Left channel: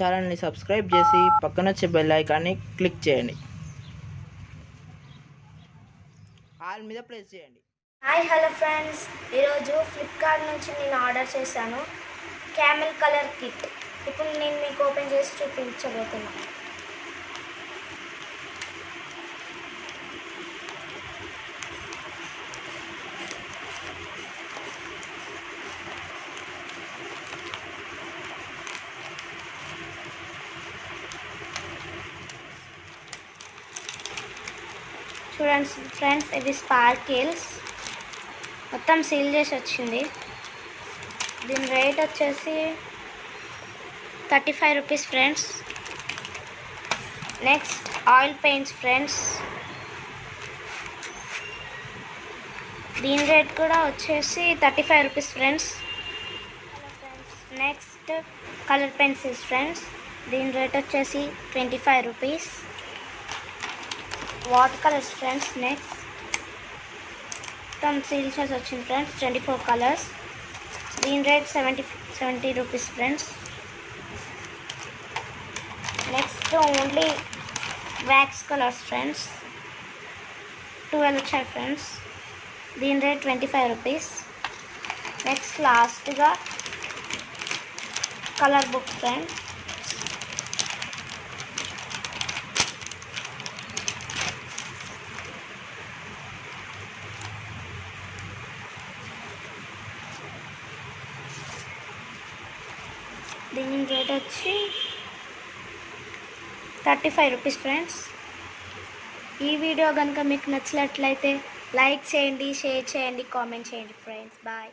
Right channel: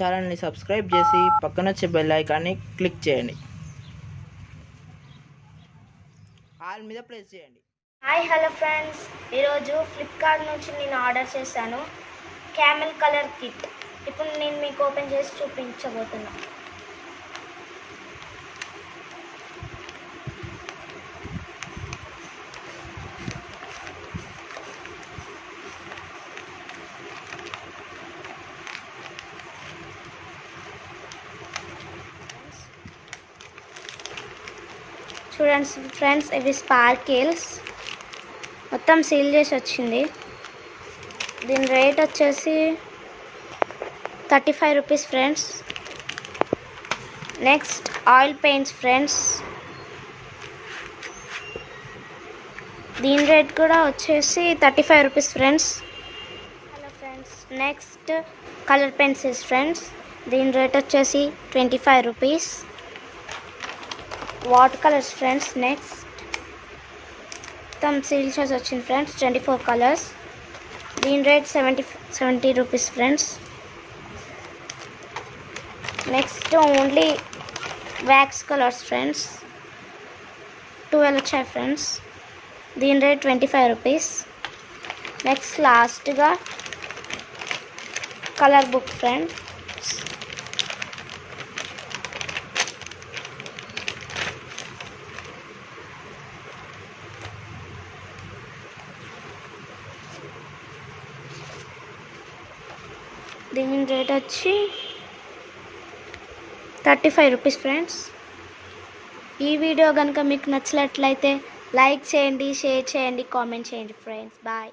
ఛానల్ని సబ్స్క్రైబ్ చేసి పక్కన వచ్చే బెల్ ఐకాన్ని క్లిక్ చేయండి. ఆల్ మీద ప్రెస్ చేయండి. హాయ్ హలో ఫ్రెండ్స్, ఈరోజు ఫ్లిప్కార్ట్ నుంచి నేను ఆర్డర్ చేశాను క్యామెల్ కలర్ కిట్. ఇప్పుడు నేను మీకు ఓపెన్ చేసి చూపించబోతున్నా. చూడండి ఫ్రెండ్స్, ఇవి స్పార్కిల్స్ మొత్తం సీల్ చేసి వచ్చింది. దీని రేట్ వచ్చేసి 35 rupees friends. Next oil paints friends, దీని రేట్ కూడా వచ్చేసి 35 rupees friends. Hello friends, next colour pencils friends, దీని రేట్ వచ్చేసి 25 rupees. Water colours friends, next మొత్తం సీల్ చేసి వచ్చింది ఫ్రెండ్స్, 24 కలర్స్. దీని రేట్ 70 rupees friends. Next only wax colours friends, 12 వచ్చాయి ఫ్రెండ్స్. దీని రేట్ 25 రూపీస్. నెక్స్ట్ లాస్ట్గా కలర్ బుక్ ఫ్రెండ్స్, దీని రేట్ వచ్చి 35 రూపీస్ ఫ్రెండ్స్. ఈ వీడియో కనుక మీకు నచ్చినట్లయితే లైక్ చేయండి, షేర్ చేయండి, కామెంట్ చేయండి ఫ్రెండ్స్. బాయ్.